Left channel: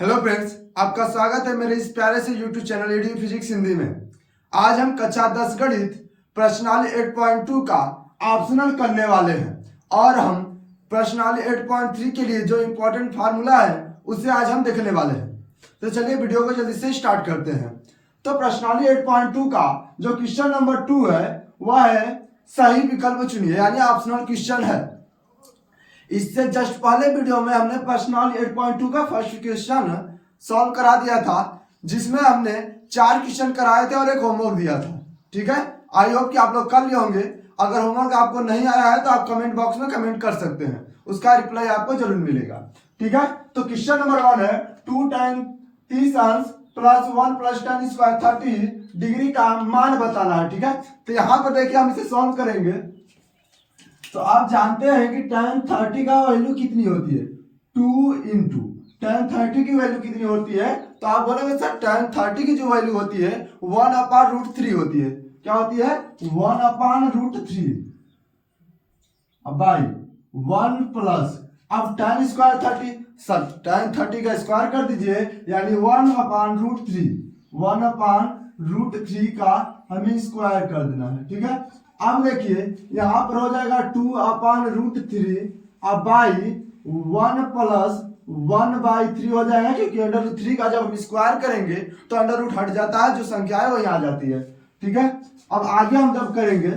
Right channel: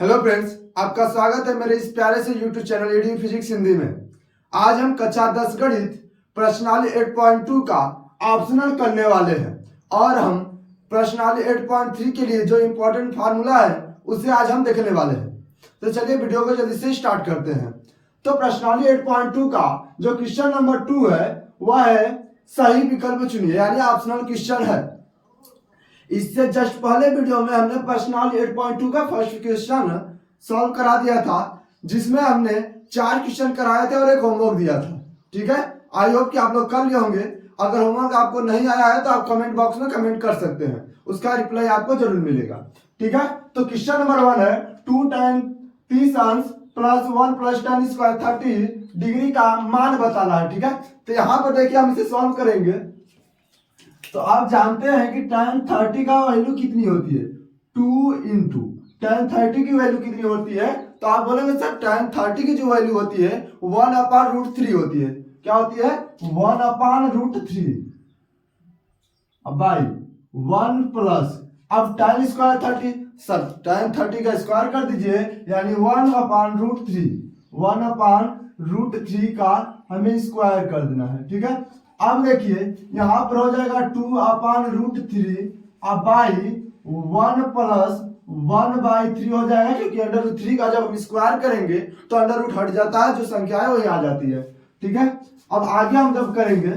Hello friends, आपका स्वागत है मेरे इस प्यारे से YouTube channel edu physics Hindi में। आज हम कक्षा 10 गणित प्रश्नावली 8.2 का ऑप्शनल करने वाले हैं और हम प्रश्नावली 8.3 के लिए जो इम्पोर्टेंट फार्मूला है उसे आज हम देखने वाले हैं। तो चलिए वीडियो को जल्दी से स्टार्ट करते हैं। तो प्रश्नावली 8.2 का जो क्वेश्चन नंबर 2 है वह है सही विकल्प चुनिए, यानी ऑप्शनल क्वेश्चन है। इससे जस्ट पहले वीडियो में हमने प्रश्नावली 8.2 का फर्स्ट क्वेश्चन सॉल्व करा दिया था, जिसमें हमने 4 क्वेश्चन कराए थे और एक होमवर्क दिया था। ठीक है, आई होप कि आप लोग कर लिए होंगे। अगर होमवर्क आपको नहीं आया है तो आप कमेंट बॉक्स में कमेंट कर सकते हैं, उसका रिप्लाई आपको जरूर मिलेगा। ठीक है, तो क्वेश्चन नंबर 1 है 2 tan 30 अंश plus 1 plus tan square 30 degree का मान बताना है। ठीक है, तो यहाँ पर देखिए हम इसे सॉल्व करेंगे। तो आप जानते हैं कि tan 30 का वैल्यू कितनी होती है, 2 इंटू tan 30 की वैल्यू कितनी होती है। तो आप बोलेंगे सर tan 30 की जो वैल्यू होती है 1/√3 होती है। क्या होती है, 1/√3 बाई 1 प्लस अब tan स्क्वायर 30, सर tan 30 का स्क्वायर कर दीजिए, यानी 1/√3 1/√3 का हमें स्क्वायर कर देना है। ठीक है, अब देखिए यहाँ पर हो जाएगा 2/√3 अब बाई 1 प्लस 1/3 हो जाएगा, क्योंकि √3 का जब हम स्क्वायर करेंगे तो अंडर हट जाता है, जो संख्या है वही आ जाती है। ठीक है, अब आगे हम जब करेंगे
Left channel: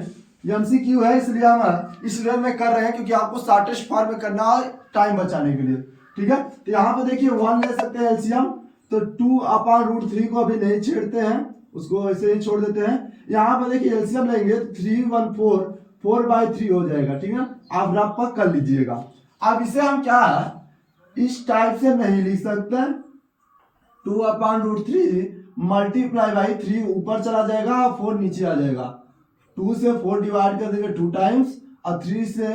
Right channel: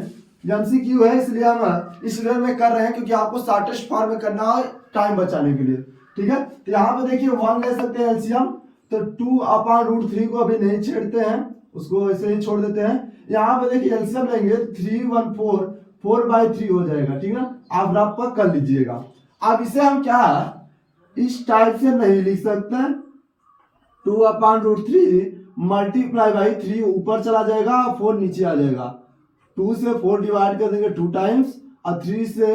MCQ है, इसलिए हम इस वे में कर रहे हैं क्योंकि आपको शॉर्टेस्ट फॉर्म में करना है टाइम बचाने के लिए। ठीक है, तो यहाँ पे देखिए 1 ले सकते हैं एलसीएम, तो 2/√3 को अभी नहीं छेड़ते हैं, उसको ऐसे ही छोड़ देते हैं। यहाँ पे देखिए एलसीएम लेंगे 314 4/3 हो जाएगा। ठीक है, आप रफ पर कर लीजिएगा। अब इसे हम क्या इस टाइप से नहीं लिख सकते, 2/√3 मल्टीप्लाई बाई 3 ऊपर चला जाएगा, 4 नीचे आ जाएगा। 2 से 4 डिवाइड कर देंगे 2 टाइम्स और 3 से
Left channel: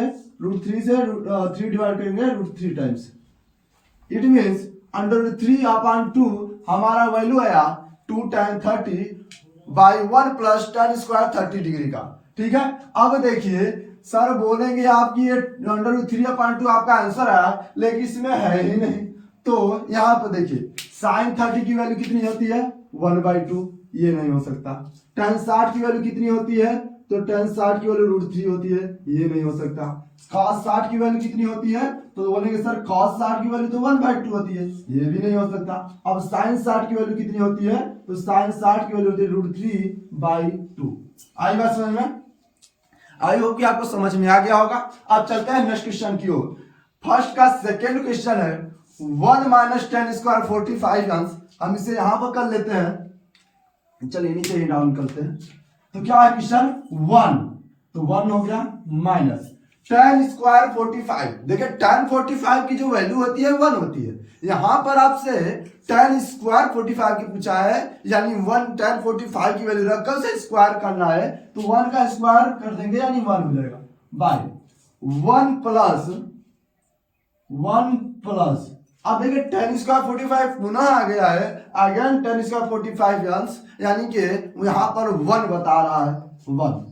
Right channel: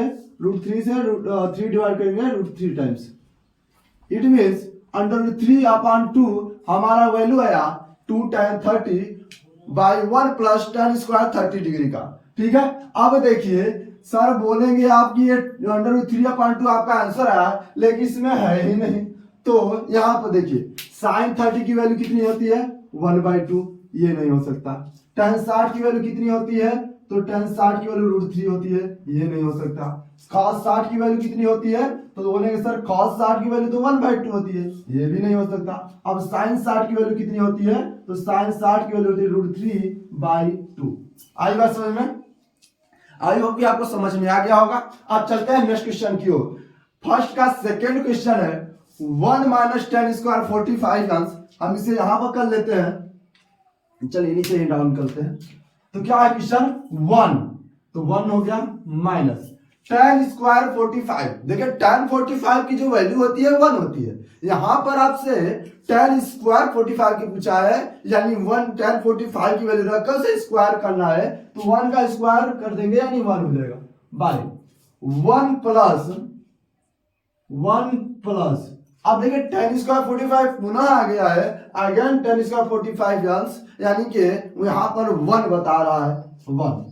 √3 से 3 डिवाइड करेंगे √3 टाइम्स। इट मीन्स √3/2 हमारा वैल्यू आया 2 tan 30 by 1 plus tan square 30 degree का। ठीक है, अब देखिए सर बोलेंगे आपकी ये √3/2 आपका आंसर आया, लेकिन इसमें है ही नहीं। तो यहाँ पर देखिए sin 30 की वैल्यू कितनी होती है 1/2, ये नहीं हो सकता। tan 60 की वैल्यू कितनी होती है, तो tan 60 की वैल्यू √3 होती है, ये नहीं हो सकता। cos 60 की वैल्यू कितनी होती है, तो बोलेंगे सर cos 60 की वैल्यू तो 1/2 होती है, ये भी नहीं हो सकता। अब sin 60 की वैल्यू कितनी होती है, तो sin 60 की वैल्यू होती है √3/2। आई बात समझ में? आई होप कि आपको समझ में आ गया होगा। अब चलते हैं नेक्स्ट क्वेश्चन की ओर। फर्स्ट का सेकेंड क्वेश्चन है 1 माइनस tan स्क्वायर 45 अंश। हम इसे यहां पर कर लेते हैं, चलिए नीचे ही डाउन करते हैं। तो क्या है क्वेश्चन 1, तो 1 हो गया माइनस tan स्क्वायर 45। देखिए tan 45 की जो वैल्यू होती है 1 होती है। यहां पर आपसे tan स्क्वायर 45 की पूछा है, यानी 1 tan 45 की वैल्यू रखकर से स्क्वायर करना है, तो 1 का स्क्वायर कर देंगे यानी 1 हो जाएगा बाय 1 प्लस अब देखिए tan स्क्वायर 45 पुनः आ गया है, अगेन tan स्क्वायर 45 अंश, यानी कि यहां पर 1 बता रहा है 1।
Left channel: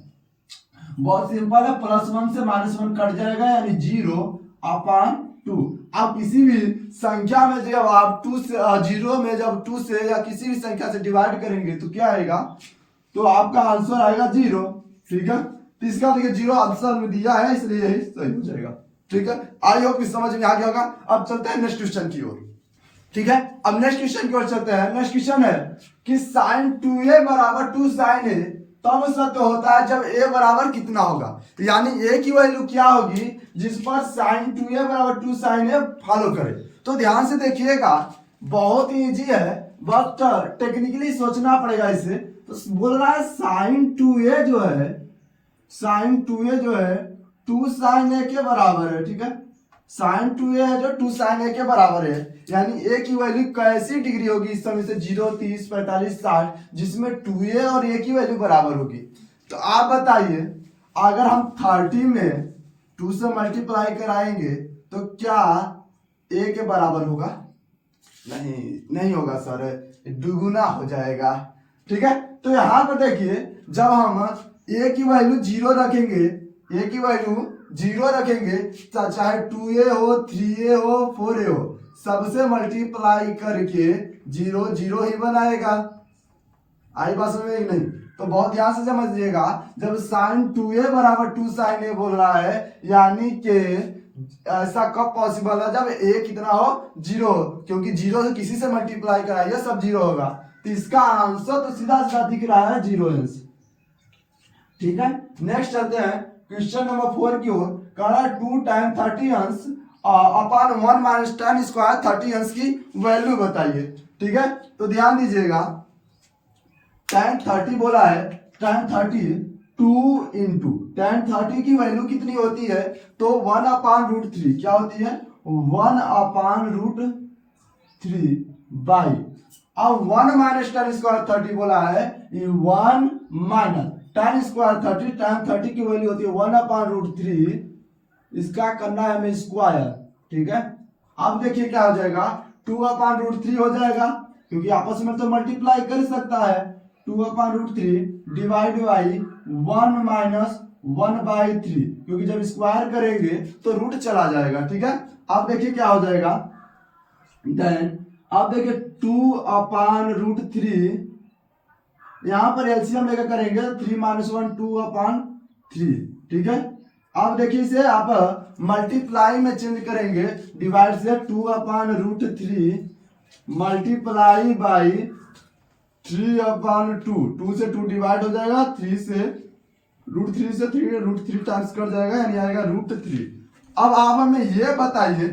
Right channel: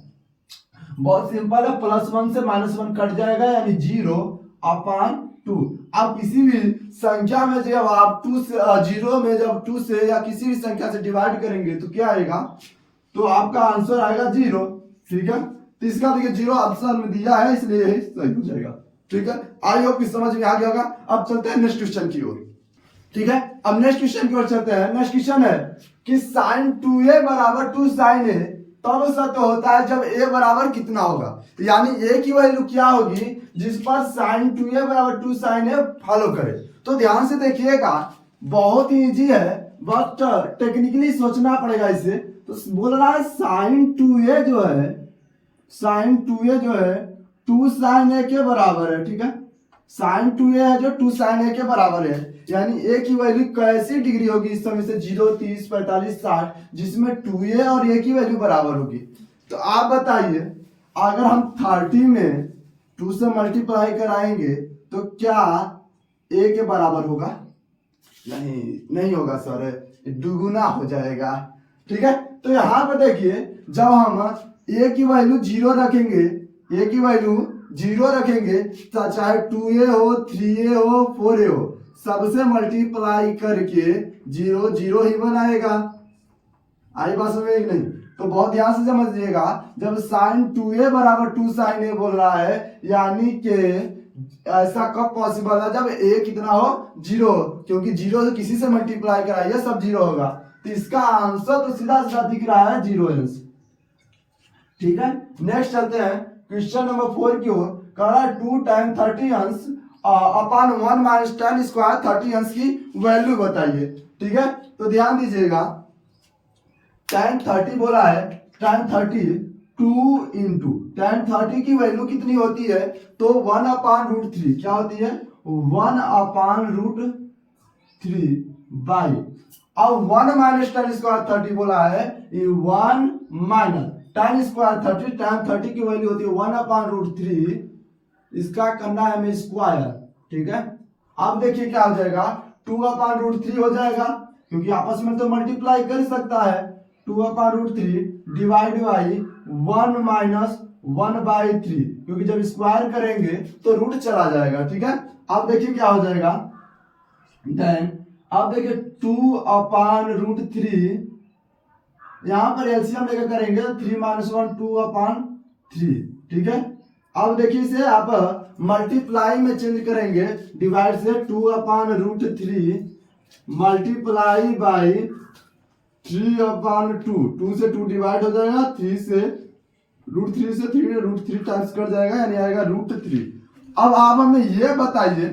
बहुत सिंपल है, +1 से -1 कट जाएगा, यानी 0/2। आप किसी भी संख्या में जब आप 2 से 0 में जब 2 से या किसी भी संख्या से डिवाइड करेंगे तो क्या आएगा, तो आपका आंसर आएगा 0। ठीक है, तो इसका देखिए 0 ऑप्शन में दिया है, इसलिए यही सही हो जाएगा। ठीक है, आई होप कि समझ में आ गया होगा। अब चलते हैं नेक्स्ट क्वेश्चन की ओर। ठीक है, अब नेक्स्ट क्वेश्चन की ओर चलते हैं। नेक्स्ट क्वेश्चन है कि sin 2a = 2 sin a तब सत्य होता है जब a बराबर कितना होगा, यानी a की वैल्यू क्या होगी जिस पर sin 2a = 2 sin a follow करे। तो ध्यान से देखिएगा, बहुत ही इजी है, बट टेक्निकली सोचना पड़ेगा इसे। तो बोल रहा है sin 2a जो है 2 sin a के बराबर है। ठीक है, sin 2a है जो 2 sin a के बराबर है, यानी a की वैल्यू कैसी डिग्री होगी इस समय से 0 30 45 60, जिसमें 2a और a की वैल्यू बराबर होगी। तो आप बताइए, अगर हम 30 में 2 से मल्टीप्लाई कराएंगे तो क्या a के बराबर होगा? नहीं होगा सर, दुगुना हो जाएगा। ठीक है, तो यहाँ पर देखिए जब हम a की वैल्यू 0 रखेंगे, चाहे 2a हो 3a हो 4a हो सबसे मल्टीप्लाई करके 0 0 ही बनाएगा। आई बात समझ में नहीं? तो बहुत ध्यान से समझिएगा, जब साइन 2a बराबर 2 साइन a बोल रहा है, यानी कि ऐसा कब पॉसिबल है जब a कितना हो 0, क्योंकि 0 से किसी से मल्टीप्लाई कराइए सब 0 होगा। तो इसका आंसर तो सीधा सीधा दिख रहा है 0 अंश। ठीक है, नेक्स्ट चलते हैं क्वेश्चन नंबर 4 की ओर। कह रहा है 2 टाइम 30 अंश अपॉन 1 माइनस 10 स्क्वायर 30 अंश की वैल्यू बताइए। ठीक है, तो ध्यान दीजिएगा, tan 30 बोला है, tan 30 2 इंटू tan 30 की वैल्यू कितनी होती है, तो 1 अपान रूट 3 क्या होती है, 1 अपान रूट 3 बाई, अब 1 माइनस tan स्क्वायर 30 बोला है, 1 माइनस tan स्क्वायर 30, tan 30 की वैल्यू होती है 1 अपान रूट 3, इसका करना है हमें स्क्वायर। ठीक है, अब देखिए क्या हो जाएगा, 2 अपान रूट 3 हो जाएगा, क्योंकि आपस में तो मल्टीप्लाई कर सकता है। 2 upon root 3 divide by 1 minus 1 by 3, क्योंकि जब स्क्वायर करेंगे तो रूट चला जाएगा। ठीक है, अब देखिए क्या हो जाएगा, देन अब देखिए 2 अपान रूट 3, यहां पर एलसीएम लेकर करेंगे 3 माइनस 1 2 अपान 3। ठीक है, अब देखिए इसे आप मल्टीप्लाई में चेंज करेंगे, डिवाइड से 2 अपान रूट 3 मल्टीप्लाई बाई 3 अपान 2, 2 से 2 डिवाइड हो जाएगा, 3 से रूट 3 से 3 रूट 3 टाइम्स कर जाएगा, यानी आएगा रूट 3। अब आप हमें ये बताइए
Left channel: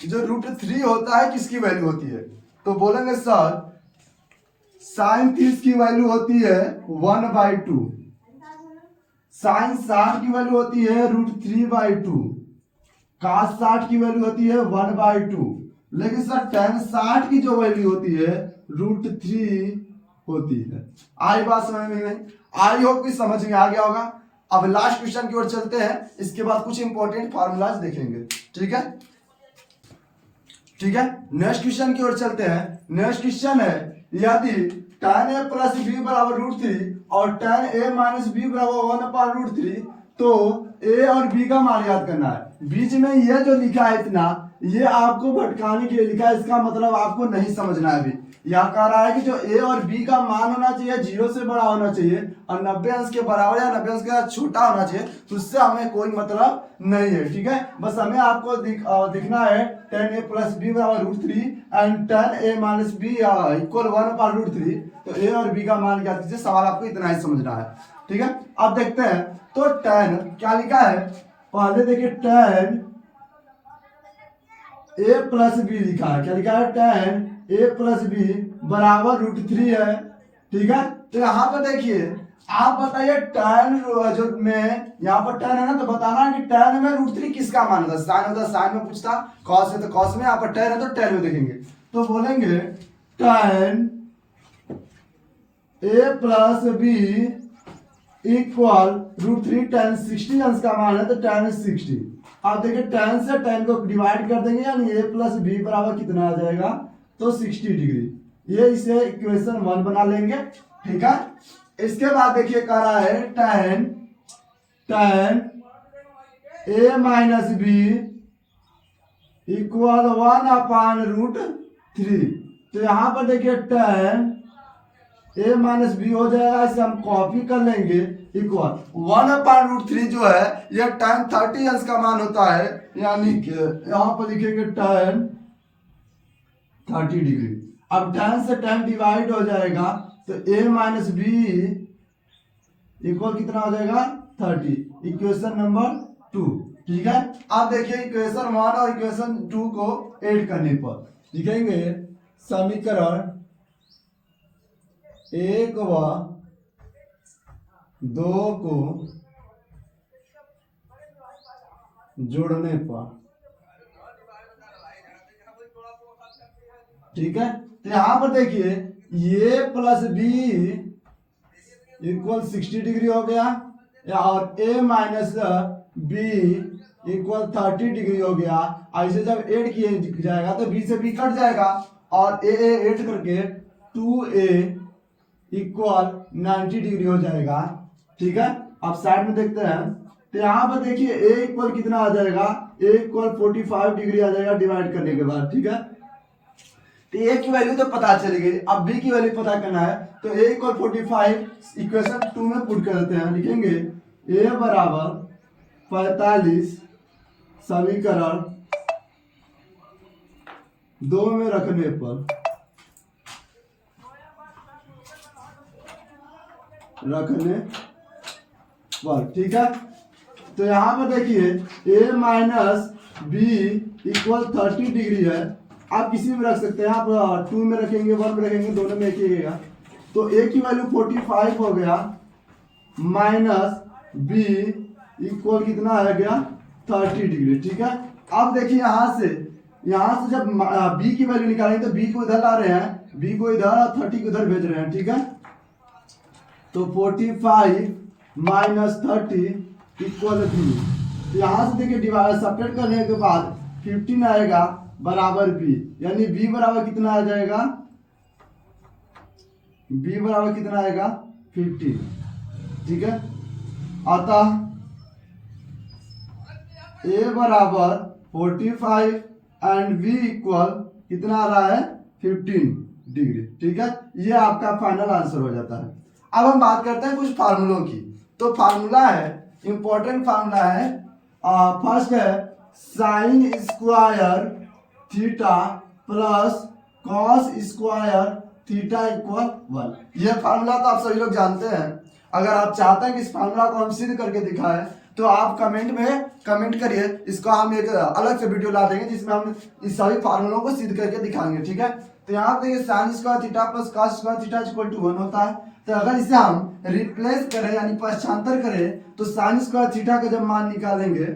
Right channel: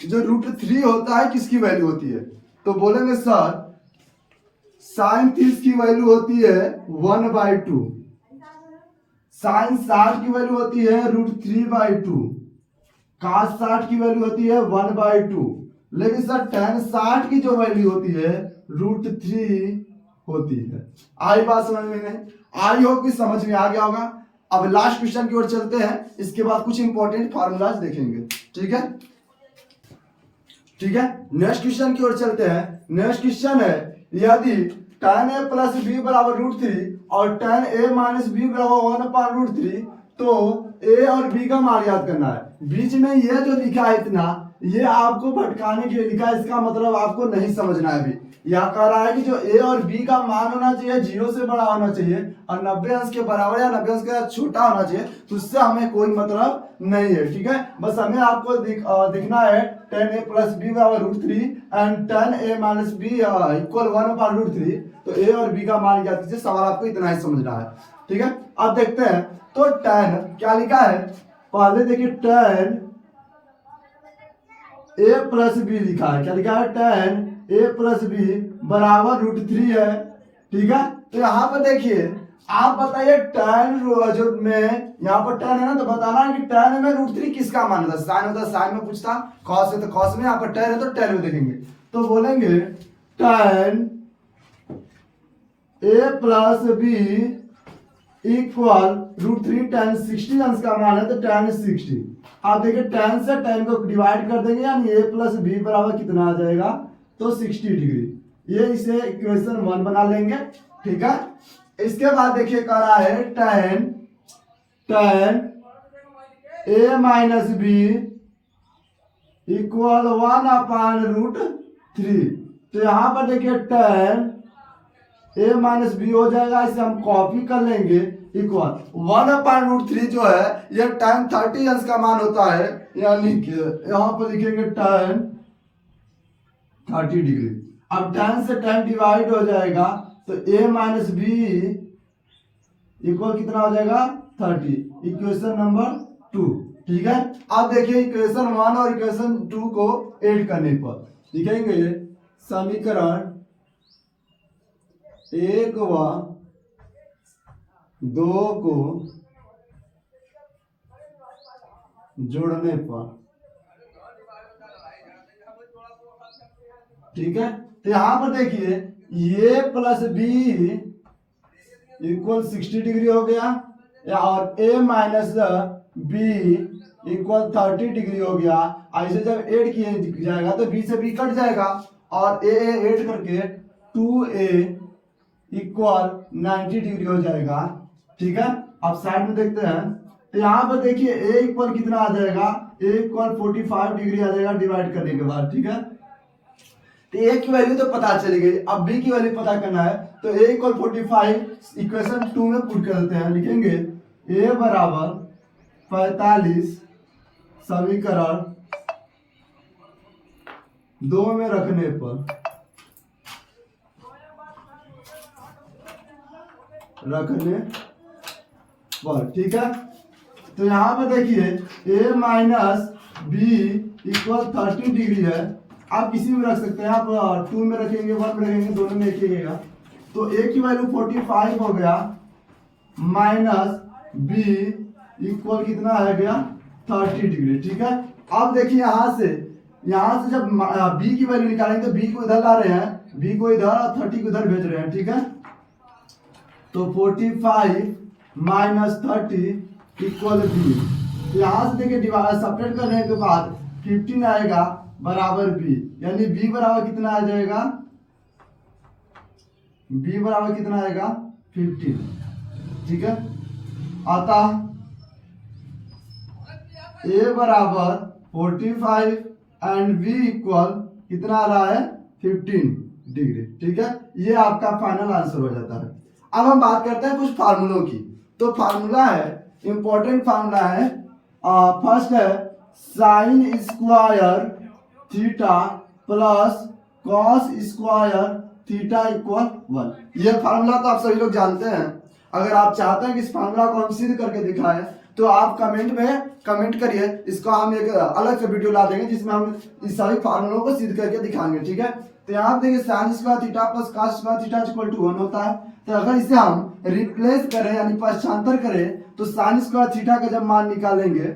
जो रूट 3 होता है किसकी वैल्यू होती है, तो बोलेंगे सर साइन 30 की वैल्यू होती है 1/2, साइन 60 की वैल्यू होती है रूट 3/2, cos 60 की वैल्यू होती है 1/2, लेकिन सर tan 60 की जो वैल्यू होती है रूट 3 होती है। आई बात समझ में नहीं? आई होप कि समझ में आ गया होगा। अब लास्ट क्वेश्चन की ओर चलते हैं, इसके बाद कुछ इंपॉर्टेंट फार्मूलाज देखेंगे। ठीक है, ठीक है, नेक्स्ट क्वेश्चन की ओर चलते हैं। नेक्स्ट क्वेश्चन है, यदि tan a प्लस बी बराबर रूट 3 और tan a माइनस बी बराबर 1 अपान रूट 3, तो a और b का मान याद करना है। बीच में यह जो लिखा है इतना, ये आपको भटकाने के लिए लिखा है, इसका मतलब आपको नहीं समझना है। अभी यह कह रहा है कि जो a और b का मान होना चाहिए 0 से बड़ा होना चाहिए और 90 अंश के बराबर या 90 अंश के छोटा होना चाहिए, तो उससे हमें कोई मतलब नहीं है। ठीक है, बस हमें आपको दिखना है tan a प्लस बी बराबर root 3 and tan a minus B equal 1 upon root 3, तो a और b का मान ज्ञात कीजिए। सवाल आपको इतना ही समझना है। ठीक है, अब देखते हैं, तो tan क्या लिखा है, पहले देखिए tan a प्लस बी लिखा है, क्या लिखा है, tan a प्लस बी बराबर रूट 3 है। ठीक है, तो यहाँ पर देखिए आप बताइए tan जो में यहाँ पर tan है ना, तो बताना है कि tan में रूट 3 किसका मान होता है। साइन होता है साइन में पूछता, cos है तो cos में, यहाँ पर tan है तो tan में देखेंगे, तो बोलेंगे tan a plus B equal root 3 tan 60 अंश का मान है तो tan 60। आप देखिए tan से tan को डिवाइड कर देंगे, यानी a प्लस बी बराबर कितना आ जाएगा, तो 60 डिग्री। ये इसे इक्वेशन 1 बना लेंगे। ठीक है, इसके बाद देखिए कह रहा है tan a minus B equal 1 upon root 3, तो यहां पर देखिए tan a माइनस बी हो जाएगा, इसे हम कॉपी कर लेंगे, इक्वल 1 अपान रूट 3 जो है यह tan 30 अंश का मान होता है, यानी कि यहां पर लिखेंगे tan 30 डिग्री। अब tan से tan डिवाइड हो जाएगा, तो a माइनस बी इक्वल कितना हो जाएगा 30, इक्वेशन नंबर 2। ठीक है, अब देखिए इक्वेशन 1 और इक्वेशन 2 को ऐड करने पर लिखेंगे समीकरण 1 व 2 को जोड़ने पर। ठीक है, तो यहां पर देखिए ये प्लस बी इक्वल 60 डिग्री हो गया, और a minus B equal 30 degree हो गया। ऐसे जब ऐड किया जाएगा तो b से b कट जाएगा, और a ऐड करके 2a इक्वल 90 डिग्री हो जाएगा। ठीक है, अब साइड में देखते हैं, तो यहाँ पर देखिए a इक्वल कितना आ जाएगा, ए इक्वल 45 डिग्री आ जाएगा डिवाइड करने के बाद, ठीक है। तो ए की वैल्यू तो पता चली गई, अब बी की वैल्यू पता करना है। तो ए इक्वल 45 इक्वेशन 2 में पुट करते हैं, लिखेंगे ए बराबर 45 समीकरण 2 में रखने पर ठीक है। तो यहाँ पे देखिए a minus B equal 30 degree है, आप किसी में रख सकते हैं, आप 2 में रखेंगे 1 में रखेंगे, दोनों में एक ही रहेगा। तो a की वैल्यू 45 हो गया माइनस b इक्वल कितना आ गया 30 डिग्री, ठीक है। अब देखिए यहाँ से जब b की वैल्यू निकालेंगे तो b को इधर ला रहे हैं, b को इधर और 30 को इधर भेज रहे हैं, ठीक है। तो 45 माइनस 30 इक्वल बी। तो यहाँ से देखिए डिवाइड सेपरेट करने के बाद 15 आएगा बराबर बी, यानी बी बराबर कितना आ जाएगा, बी बराबर कितना आएगा 15, ठीक है। अतः ए बराबर 45 एंड बी इक्वल कितना आ रहा है 15 डिग्री, ठीक है। ये आपका फाइनल आंसर हो जाता है। अब हम बात करते हैं कुछ फार्मूलों की। तो फार्मूला है, इंपॉर्टेंट फार्मूला है, फर्स्ट है sign square theta plus cos square theta equal 1। ये फार्मूला तो आप सभी लोग जानते हैं। अगर आप चाहते हैं कि इस फार्मूला को हम सिद्ध करके दिखाएं तो आप कमेंट में कमेंट करिए, इसका हम एक अलग से वीडियो ला देंगे जिसमें हम इस सभी फार्मूलों को सिद्ध करके दिखाएंगे, ठीक है। तो यहाँ पे देखिए sine square theta plus cos square theta equal to 1 होता है। तो अगर इसे हम रिप्लेस करें यानी पक्षांतर करें तो साइन स्क्वायर थीटा का जब मान निकालेंगे,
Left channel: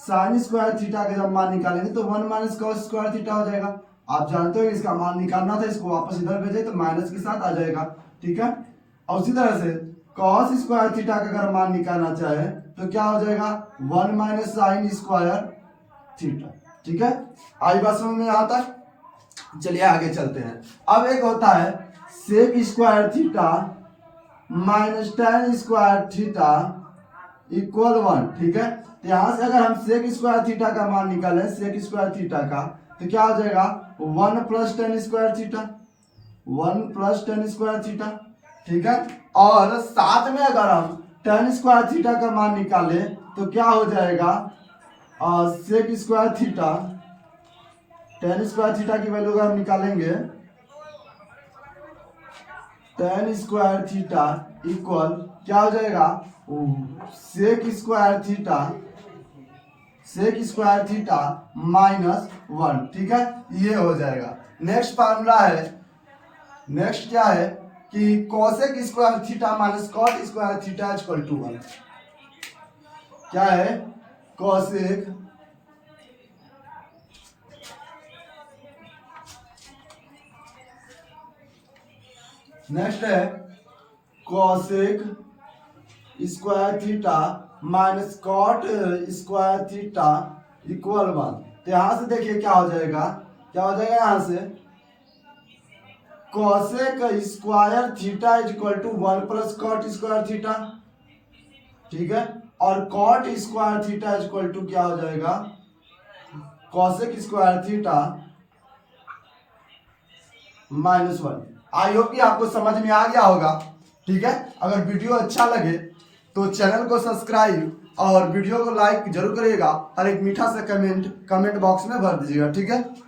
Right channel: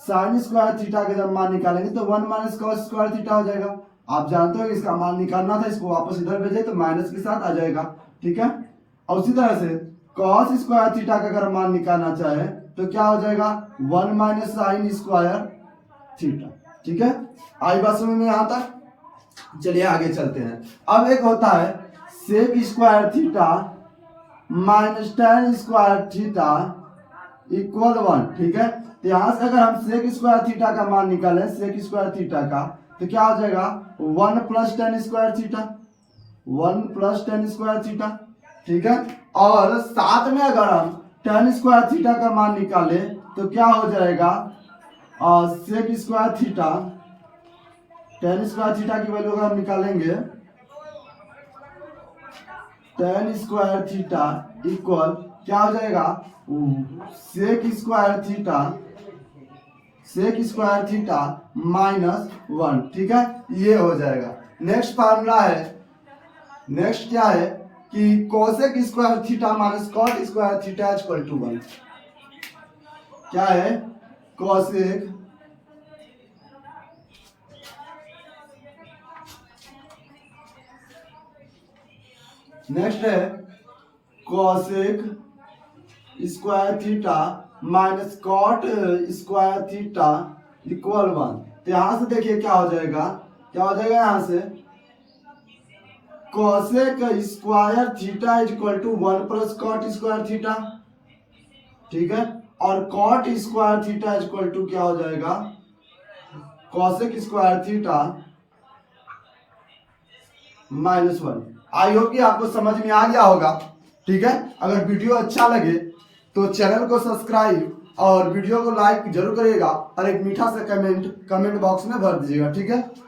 साइन स्क्वायर थीटा का जब मान निकालेंगे तो 1 माइनस कॉस स्क्वायर थीटा हो जाएगा। आप जानते हो इसका मान निकालना था, इसको वापस इधर भेजे तो माइनस के साथ आ जाएगा, ठीक है। और उसी तरह से कॉस स्क्वायर थीटा का अगर मान निकालना चाहे तो क्या हो जाएगा 1 माइनस साइन स्क्वायर थीटा, ठीक है। आई बात समझ में यहाँ तक। चलिए आगे चलते हैं। अब एक होता है sec square theta minus tan square theta equal 1, ठीक है। तो यहाँ से अगर हम सेक स्क्वायर थीटा का मान निकालें, सेक स्क्वायर थीटा का, तो क्या हो जाएगा 1 plus ten square theta, 1 plus ten square theta, ठीक है। और साथ में अगर हम टेन स्क्वायर थीटा का मान निकाले तो क्या हो जाएगा sec square theta, tan square theta की वैल्यू अगर हम निकालेंगे टेन स्क्वायर थीटा इक्वल क्या हो जाएगा सेक स्क्वायर थीटा माइनस 1, ठीक है। ये हो जाएगा। नेक्स्ट फार्मूला है, नेक्स्ट क्या है कि cosec square theta minus cot square theta equal to 1। क्या है कोसेक नेक्स्ट है cosec square theta minus cot square theta equal 1। तो यहां से देखिए क्या हो जाएगा, यहां से cosec square theta equal to 1 plus cot square theta, ठीक है। और cot square theta equal to क्या हो जाएगा cosec square theta minus 1। I hope कि आपको समझ में आ गया होगा, ठीक है। अगर वीडियो अच्छा लगे तो चैनल को सब्सक्राइब और वीडियो को लाइक जरूर करिएगा और एक मीठा सा कमेंट बॉक्स में भर दीजिएगा, ठीक है।